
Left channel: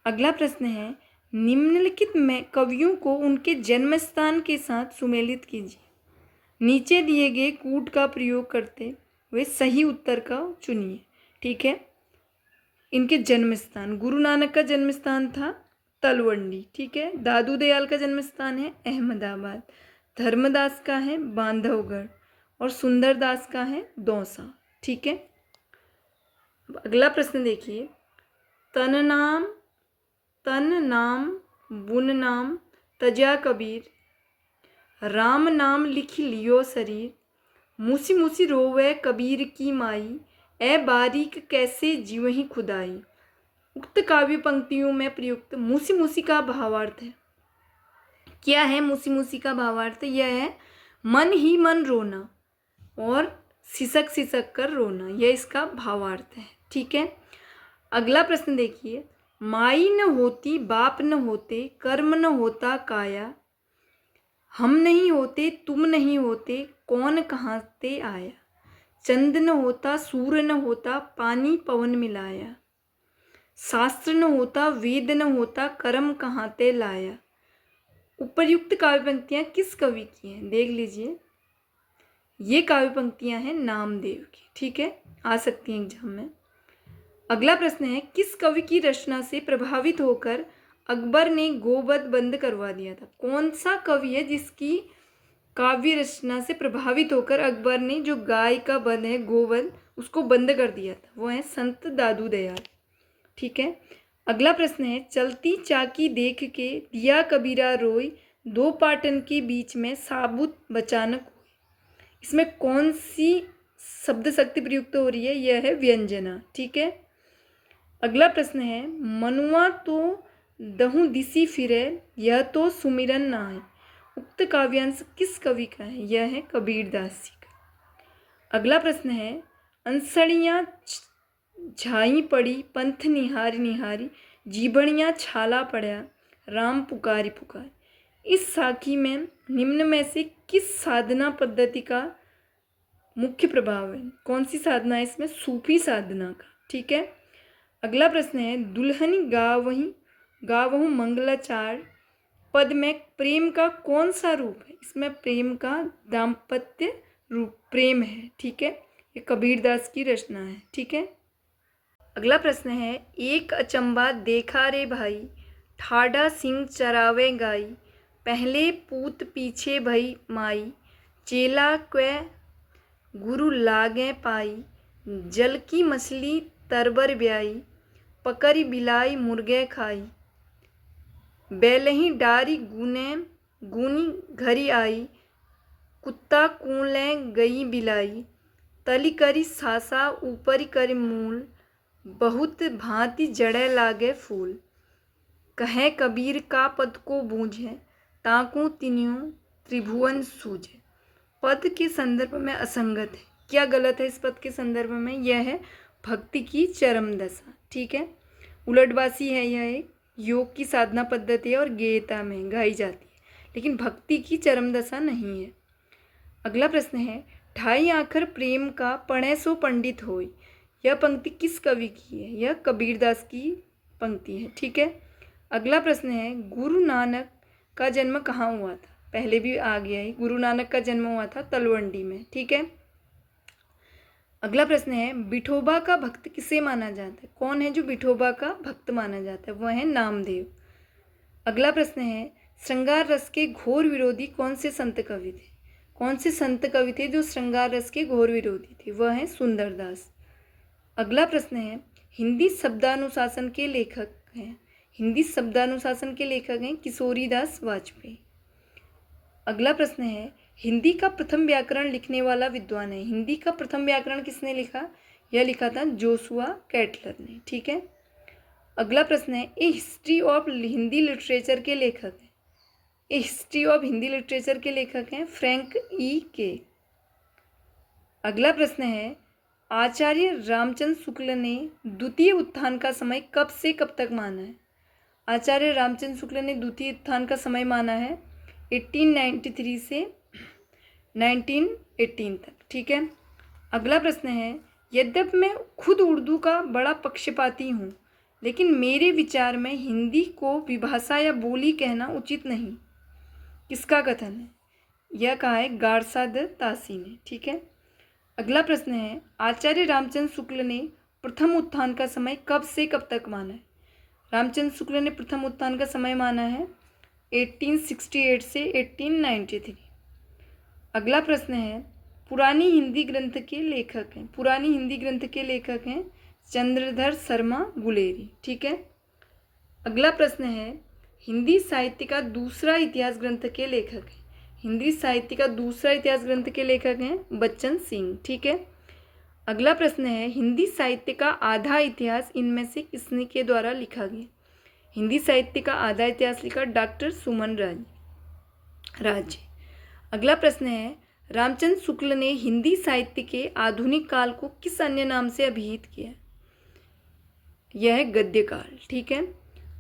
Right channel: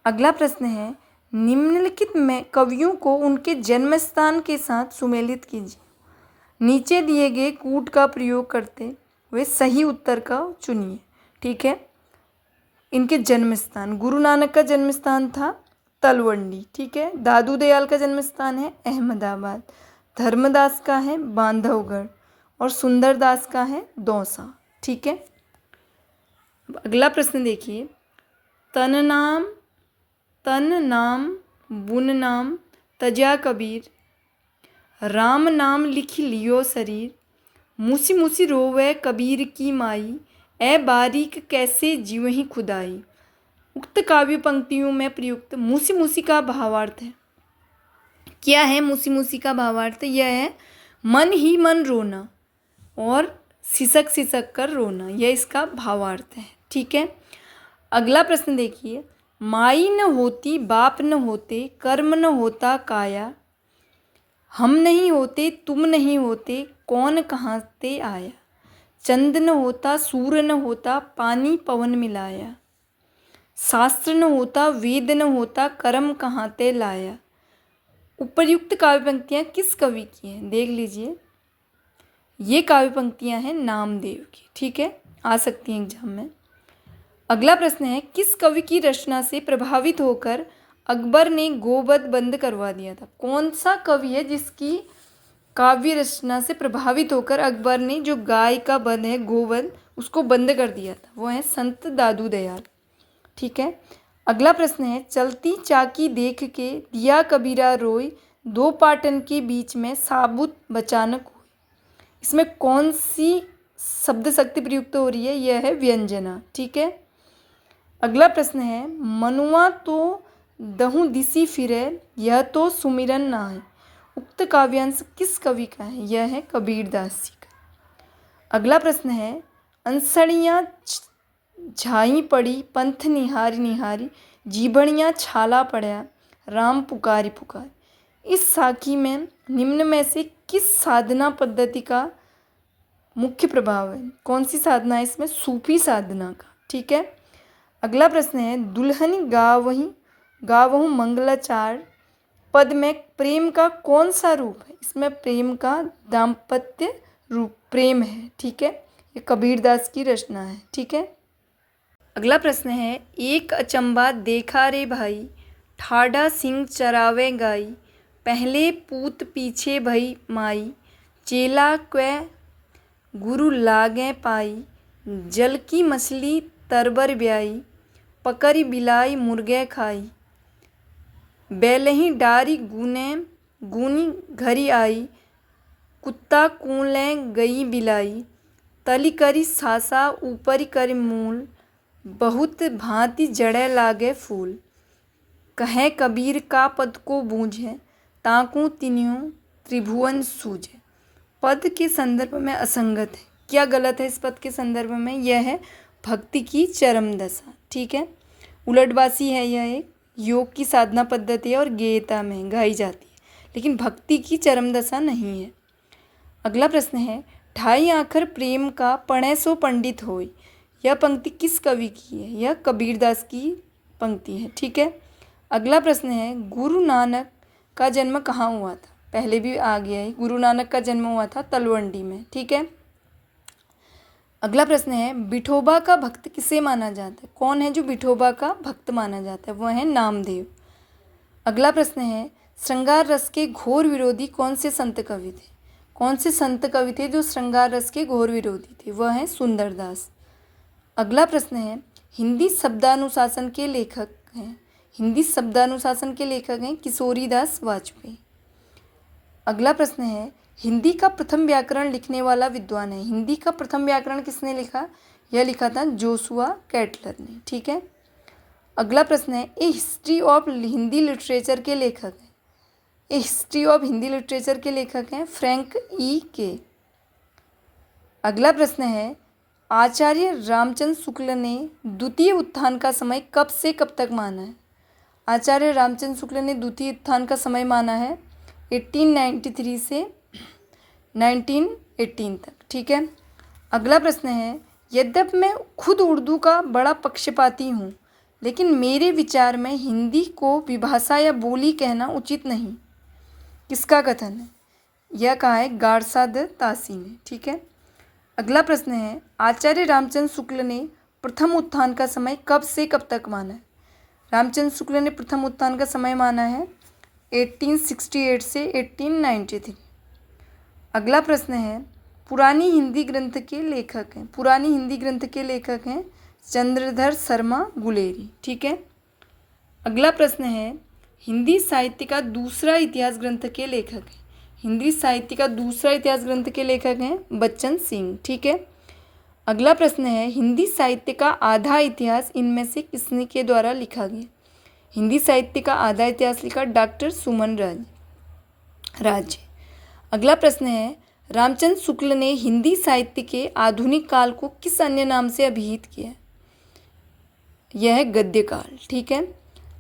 अगला प्रश्न है, निम्नलिखित में कवियों को उनके जन्म स्थान के साथ सुमेलित कीजिए। नीचे दिए गए कूट का प्रयोग करते हुए सही उत्तर का चुनिए। ठीक है। इनके जन्म स्थान, गुरु नानक का जन्म स्थान था तलवंडी, ठीक है। दादू दयाल का जन्म स्थान है अहमदाबाद, धर्मदास का है बांधवगढ़ और सुंदरदास का है दौसा, ठीक है। अगला प्रश्न देखिए, तन नाम बुन नाम तजा कबीर, राम नाम लिख लियो शरीर, मूसी मूसी रोवे कबीर की माई, ए बारीक कैसे जीवहि खुदाई। उक्त काव्य पंक्तियों में प्रयुक्त मूसी मूसी का भावार्थ है। क्या है मूसी मूसी का भावार्थ? यह है मन ही मन रोना और सिसक सिसक कर रोना, यह इसका भावार्थ है, ठीक है। अगला प्रश्न देखिए, माई न होती बाप न होते, कर्म न होता काया, हम नहीं होते तुम नहीं होते, कौन कहाँ से आया, चंद न होता सूर्य न होता, पानी पवन मिलाया, शास्त्र न होता वेद न होता, कर्म कहाँ ते लाया। उपर्युक्त काव्य पंक्तियाँ किस कवि की हैं? देख लीजिए, ये काव्य पंक्तियाँ हैं नामदेव की, ठीक है, आ सकती हैं एग्जाम में। अगला प्रश्न है, किस कवि की रचना से प्रभावित होकर अकबर ने गोवध बंद करवा दिया था? कौन सा कवि है जिसकी काव्य रचना से प्रभावित होकर अकबर ने जो गाय का वध है गोवध उसको बंद कर दिया था? वो है संत दादू दयाल, ठीक है। अगला प्रश्न है, चलती चाकी देख के दिया कबीरा रोई, दो पाटन के बीच में साबुत बचानक हुई। इसमें कौन सी शब्द शक्ति प्रयुक्त हो रही है? यह है व्यंजना, ठीक है। अगला प्रश्न है, मनुआ तो दहु दिसी फिरे, यह तो सुमिरन ना है। उक्त काव्यांश किस कवि का है? यह है कबीरदास जी का। अगला प्रश्न है, अंसड़ियाँ झाई पड़ी पंथ निहारी निहारी, जीभड़ियाँ छाला पड़ा राम पुकारी पुकार। इस साखी में निम्न में से किस साधना पद्धति का मुख्य प्रभाव है? कौन सी साधना है इसमें? सूफी साधना का, ठीक है। अगला प्रश्न है, दुल्हनी गावहु मंगलाचार पद में प्रेम का कौन सा रूप है? इसमें प्रेम का दाम्पत्य रूप प्रेम है, ठीक है। ये कबीरदास की रचना है, ठीक है। अगला प्रश्न है, एक अचंबा देखा रे भाई, ठाढ़ा सिंह चरावे गाई, पहले पूत पीछे भई माई, चेला क्वै गुरु लागे पाई, जल की मछली तरबर ब्याई, पकड़ी बिलाई मुर्गे खाई, बेलही डारी गूनी घरी आई, कुत्ता कूले गई बिलाई, तली करी सासा ऊपर करी मूल, बहुत भांति जड़े लागे फूल, कहे कबीर का पद को बूझे, ताकू तिन्यों त्रिभुवन सूझे। पद के संदर्भ में असंगत है, क्या गलत है इस पद के संदर्भ में? यह है भक्ति की चरम दशा, ठीक है। उलटबासी है, यह एक योग की साधना पद्धति है और गेयता में गाई जाती है, लेकिन भक्ति की चरम दशा नहीं है। अगला प्रश्न है, ढाई आखर प्रेम का पढ़े सो पंडित होय, यह पंक्ति किस कवि की है? यह कबीरदास की पंक्ति है, ठीक है। अगला प्रश्न है, गुरु नानक का जन्म कहाँ हुआ था? पहले भी आ गया है, गुरु नानक का जन्म हुआ था तलवंडी में, ठीक है। अगला प्रश्न है, विठोबा का भक्त किसे माना जाता है? कौन है जो विठोबा का भक्त माना जाता है? वह है नामदेव। अगला प्रश्न है, श्रृंगार रस के घोर विरोधी कौन से संत कवि थे? कौन से संत कवि थे जो श्रृंगार रस के घोर विरोधी थे? वह है सुंदरदास। अगला प्रश्न है, हिंदी शब्दानुशासन के लेखक हैं? हिंदी शब्दानुशासन के लेखक हैं किशोरीदास वाजपेयी। अगला प्रश्न है, हिंदी का प्रथम व्याकरण लिखने वाला विद्वान है? हिंदी का प्रथम व्याकरण किसने लिखा? यह लिखा था जोशुआ कैटलर ने, ठीक है। अगला प्रश्न है, ए हिस्ट्री ऑफ हिंदी लिटरेचर के लेखक हैं? ए हिस्ट्री ऑफ हिंदी लिटरेचर के लेखक हैं फ्रैंक ई के। अगला प्रश्न है, आचार्य रामचंद्र शुक्ल ने द्वितीय उत्थान का समय कब से कब तक माना है? आचार्य रामचंद्र शुक्ल ने द्वितीय उत्थान का समय माना है 1893 से 1918 तक, ठीक है। अगला प्रश्न है, यद्यपि मैं खुद उर्दू का बड़ा पक्षपाती हूँ, लेकिन मेरे विचार में हिंदी को विभाषा या बोली कहना उचित नहीं। किसका कथन है? यह कहा है गारसाद तासी ने, ठीक है। अगला प्रश्न है, आचार्य रामचंद्र शुक्ल ने प्रथम उत्थान का समय कब से कब तक माना है? रामचंद्र शुक्ल ने प्रथम उत्थान का समय माना है 1868 से 1893। अगला प्रश्न है, पुरानी हिंदी ग्रंथ के लेखक हैं। पुरानी हिंदी ग्रंथ के लेखक हैं चंद्रधर शर्मा गुलेरी। ठीक है। अगला प्रश्न है, हिंदी साहित्य का दूसरा इतिहास ग्रंथ के लेखक हैं। हिंदी साहित्य का दूसरा इतिहास ग्रंथ के लेखक हैं बच्चन सिंह। ठीक है। अगला प्रश्न है, हिंदी साहित्य का आधा इतिहास इनमें से किसने के द्वारा लिखा गया? हिंदी साहित्य का आधा इतिहास लिखा डॉक्टर सुमन राज। अगला प्रश्न है, रामचंद्र शुक्ल ने हिंदी साहित्य के आधुनिक काल को किस अन्य नाम से अभिहित किया? यह है गद्य काल। ठीक है।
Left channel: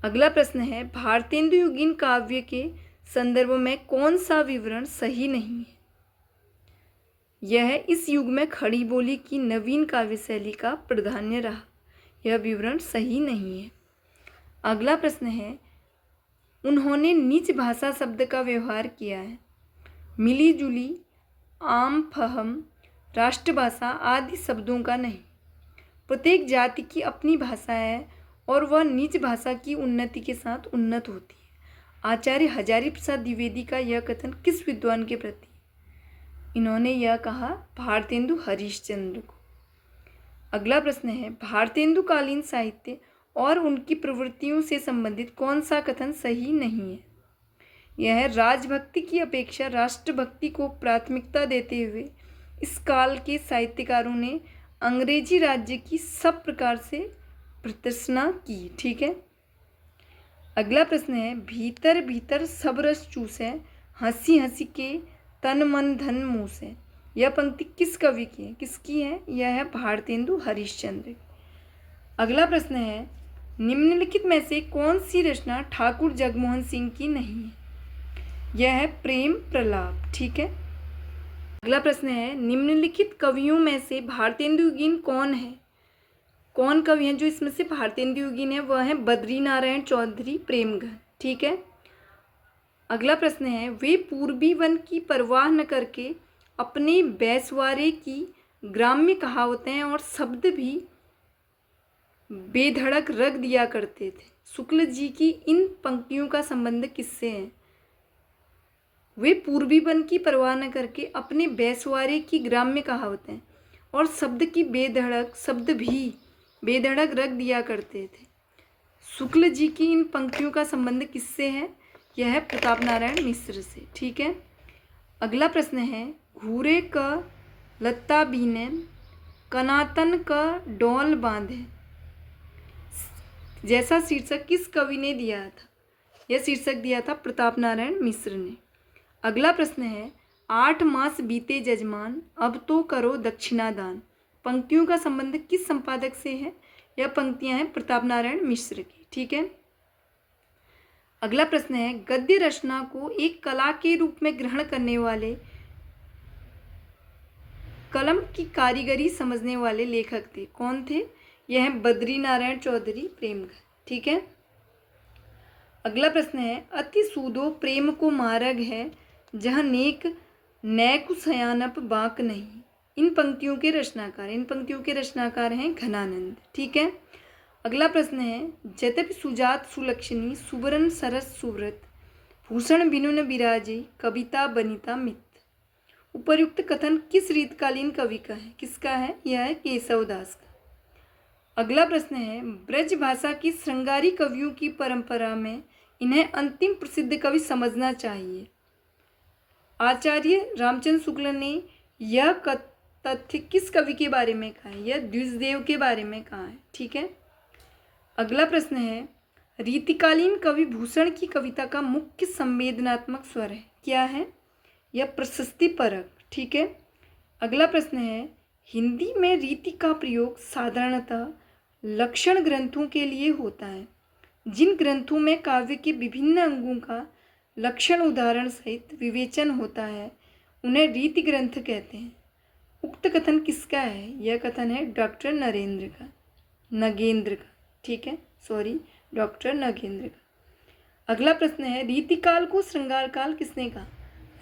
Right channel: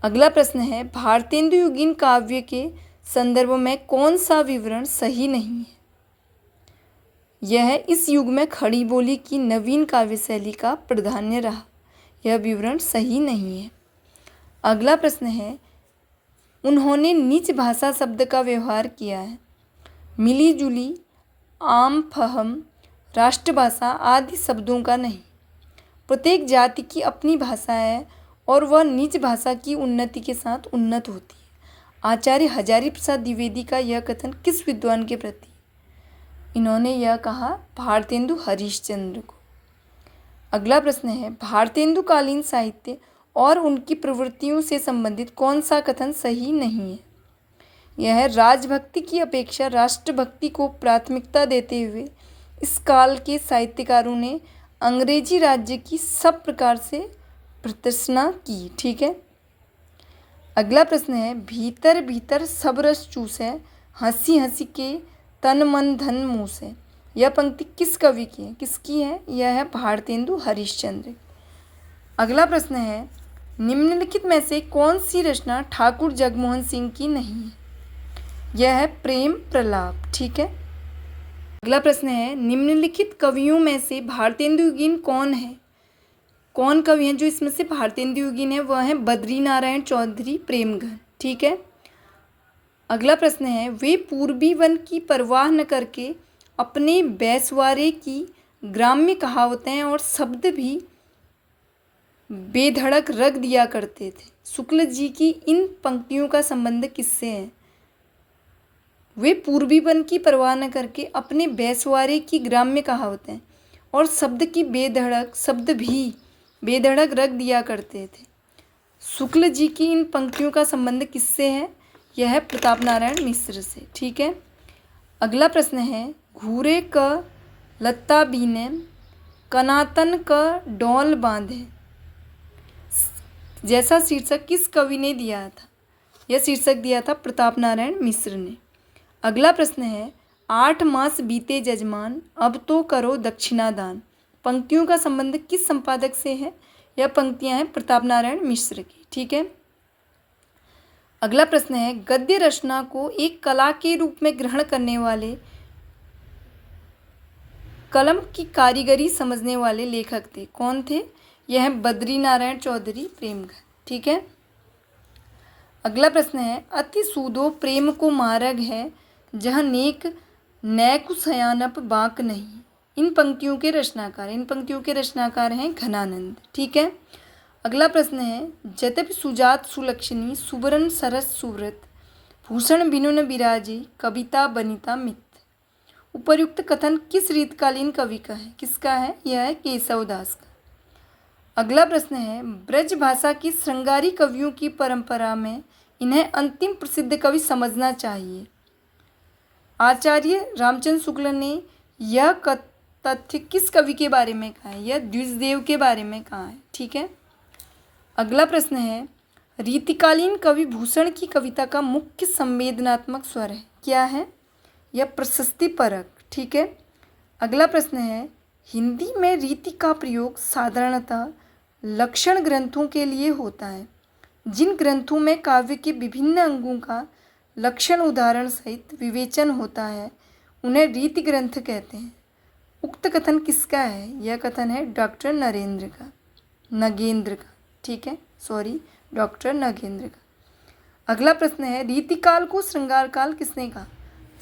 अगला प्रश्न है, भारतेंदु युगीन काव्य के संदर्भ में कौन सा विवरण सही नहीं है? यह है, इस युग में खड़ी बोली की नवीन काव्य शैली का प्राधान्य रहा। यह विवरण सही नहीं है। अगला प्रश्न है, उन्होंने निज भाषा शब्द का व्यवहार किया है। मिली जुली, आम, फहम, राष्ट्रभाषा आदि शब्दों का नहीं। प्रत्येक जाति की अपनी भाषा है और वह निज भाषा की उन्नति के साथ उन्नत होती है। आचार्य हजारी प्रसाद द्विवेदी का यह कथन किस विद्वान के प्रति? इन्होंने यह कहा भारतेंदु हरिश्चंद्र को। अगला प्रश्न है, भारतेंदु कालीन साहित्य और उनकी प्रवृत्तियों से संबंधित कौन सा कथन सही नहीं है? यह है, राजभक्ति की अपेक्षा राष्ट्रभक्ति को प्राथमिकता देते हुए इस काल के साहित्यकारों ने अंग्रेजी राज्य की सब प्रकार से भर्त्सना की। ठीक है। अगला प्रश्न है, भीतर भीतर सब रस चूसे, हंसी हंसी के तन मन धन मुँह से। यह पंक्ति किस कवि की है? किसकी है? यह है भारतेंदु हरिश्चंद्र। अगला प्रश्न है, निम्नलिखित में से कौन सी रचना ठाकुर जगमोहन सिंह की नहीं है? यह है प्रेम प्रलाप। ठीक है। अगला प्रश्न है, निम्नलिखित कवियों में से भारतेंदु युगीन कौन है? कौन कवि हैं जो इसमें से भारतेंदु युगीन है? वह है बद्री नारायण चौधरी प्रेमघर। ठीक है। अगला प्रश्न है, वे पूर्वी वन की परवाह न करके अपने बैसवारे की ग्राम्य कहावतें और शब्द भी बेधड़क रख दिया करते थे। शुक्ल जी की इन पंक्तियों का संबंध किससे है? वे पूर्वी वन की परवाह न करके अपने बैसवारे की ग्राम्य कहावतें और शब्द भी बेधड़क रख दिया करते थे। शुक्ल जी की इन पंक्तियों का संबंध किससे है? यह है प्रताप नारायण मिश्र से। ठीक है। अगला प्रश्न है, घूरे क लत्ता बीने, कनातन क डोल बांधे, जैसा शीर्षक किस कवि ने दिया था? यह शीर्षक दिया था प्रताप नारायण मिश्र ने। अगला प्रश्न है, 8 मास बीते जजमान, अब तो करो दक्षिणादान। पंक्तियों का संबंध किस संपादक से है? यह पंक्तियां हैं प्रताप नारायण मिश्र की। ठीक है। अगला प्रश्न है, गद्य रचना को एक कला के रूप में ग्रहण करने वाले, कलम की कारीगरी समझने वाले लेखक थे। कौन थे? यह है बद्री नारायण चौधरी प्रेमघर। ठीक है। अगला प्रश्न है, अति सूदो प्रेम को मार्ग है, जहाँ नेक नैकु सयानप बाक नहीं। इन पंक्तियों के रचनाकार हैं घनानंद। ठीक है। अगला प्रश्न है, जतपि सुजात सुलक्षणी, सुबरन सरस सुव्रत, भूषण बिनु न बिराजे, कविता बनिता मित। उपर्युक्त कथन किस रीतकालीन कवि का है? किसका है? यह है केशवदास का। अगला प्रश्न है, ब्रज भाषा की श्रृंगारी कवियों की परंपरा में इन्हें अंतिम प्रसिद्ध कवि समझना चाहिए। आचार्य रामचंद्र शुक्ल ने यह तथ्य किस कवि के बारे में कहा है? यह द्विजदेव के बारे में कहा है। ठीक है। अगला प्रश्न है, रीतिकालीन कवि भूषण की कविता का मुख्य संवेदनात्मक स्वर है। क्या है? यह प्रशस्ति परक। ठीक है। अगला प्रश्न है, हिंदी में रीति का प्रयोग साधारणतः लक्षण ग्रंथों के लिए होता है। जिन ग्रंथों में काव्य के विभिन्न अंगों का लक्षण उदाहरण सहित विवेचन होता है उन्हें रीति ग्रंथ कहते हैं। उक्त कथन किसका है? यह कथन है डॉक्टर नगेंद्र का। ठीक है, डॉक्टर नगेंद्र का। अगला प्रश्न है, रीतिकाल को श्रृंगार काल किसने कहा?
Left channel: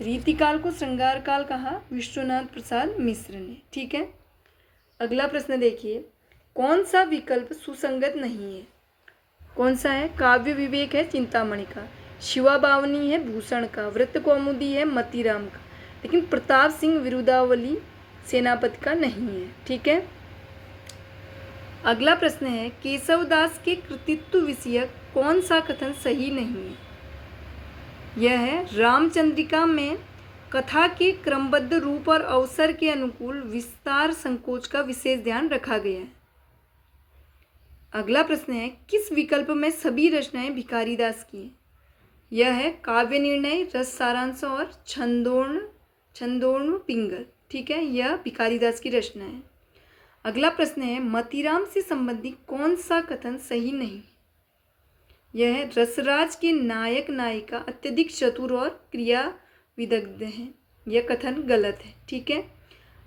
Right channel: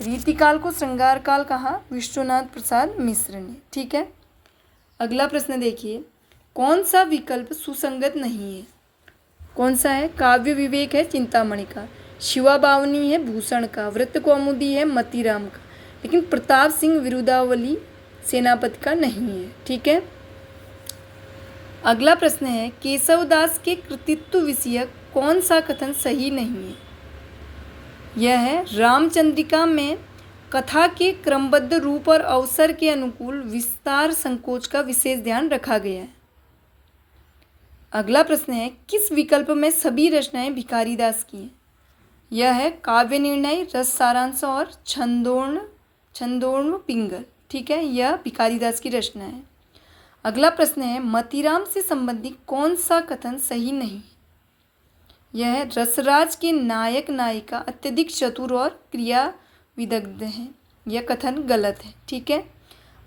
रीतिकाल को श्रृंगार काल कहा विश्वनाथ प्रसाद मिश्र ने। ठीक है। अगला प्रश्न देखिए, कौन सा विकल्प सुसंगत नहीं है? कौन सा है? काव्य विवेक है चिंतामणि का, शिवा बावनी है भूषण का, व्रत कौमुदी है मतीराम का, लेकिन प्रताप सिंह विरुदावली सेनापति का नहीं है। ठीक है। अगला प्रश्न है, केशवदास के कृतित्व विषयक कौन सा कथन सही नहीं है? यह है, रामचंद्रिका में कथा के क्रमबद्ध रूप और अवसर के अनुकूल विस्तार संकोच का विशेष ध्यान रखा गया है। अगला प्रश्न है, किस विकल्प में सभी रचनाएं भिखारीदास की हैं? यह है, काव्य निर्णय, रस सारांश और छंदोर्ण पिंगल। ठीक है, यह भिखारीदास की रचना है। अगला प्रश्न है, मतीराम से संबंधित कौन सा कथन सही नहीं है? यह है, रसराज के नायक नायिका अत्यधिक चतुर और क्रिया विदग्ध हैं। यह कथन गलत है। ठीक है।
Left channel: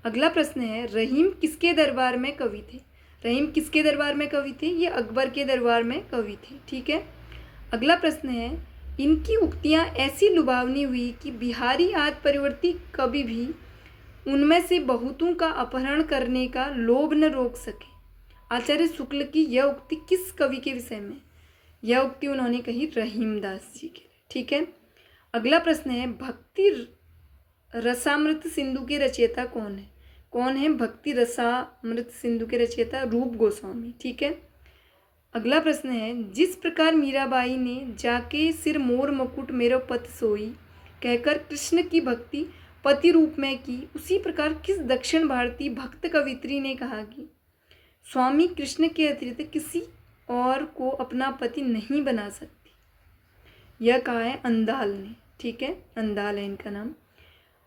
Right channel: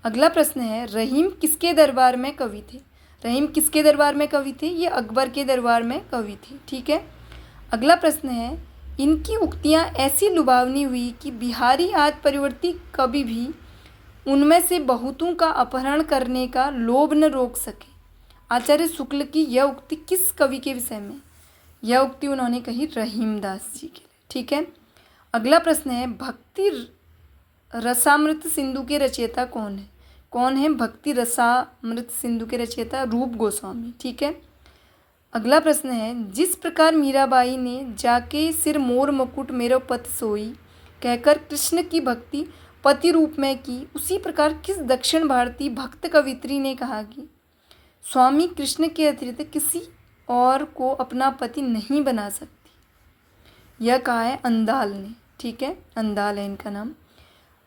अगला प्रश्न है, रहीम किसके दरबार में कवि थे? रहीम किसके दरबार में कवि थे? ये अकबर के दरबार में कवि थे। ठीक है। अगला प्रश्न है, इनकी उक्तियाँ ऐसी लुभावनी हुई कि बिहारी आज परिवर्ती कभी भी उनमें से बहुतों का अपहरण करने का लोभ न रोक सके। आचार्य शुक्ल की यह उक्ति किस कवि के विषय में? यह उक्ति उन्होंने कही रहीमदास जी के लिए। ठीक है। अगला प्रश्न है, भक्ति रसामृत सिंधु के रचयिता कौन है? कौन है भक्ति रसामृत सिंधु के रचयिता? रूप गोस्वामी। ठीक है। अगला प्रश्न है, जिस प्रकार मीराबाई ने जाके सिर मोर मुकुट मेरो पत सोई कहकर कृष्ण की भक्ति पति रूप में की, उसी प्रकार किस दक्षिण भारतीय भक्त कवित्री ने कहा कि स्वामी कृष्ण के अतिरिक्त किसी और को अपना पति नहीं बना सकती? यह कहा है अंदाल ने। ठीक है, अंदाल है इनका नाम।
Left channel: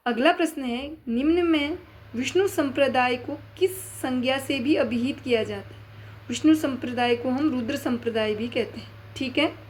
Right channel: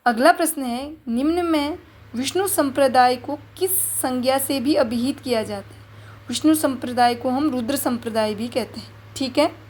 अगला प्रश्न है, निम्न में विष्णु संप्रदाय को किस संज्ञा से भी अभिहित किया जाता है? विष्णु संप्रदाय को हम रुद्र संप्रदाय भी कहते हैं। ठीक है।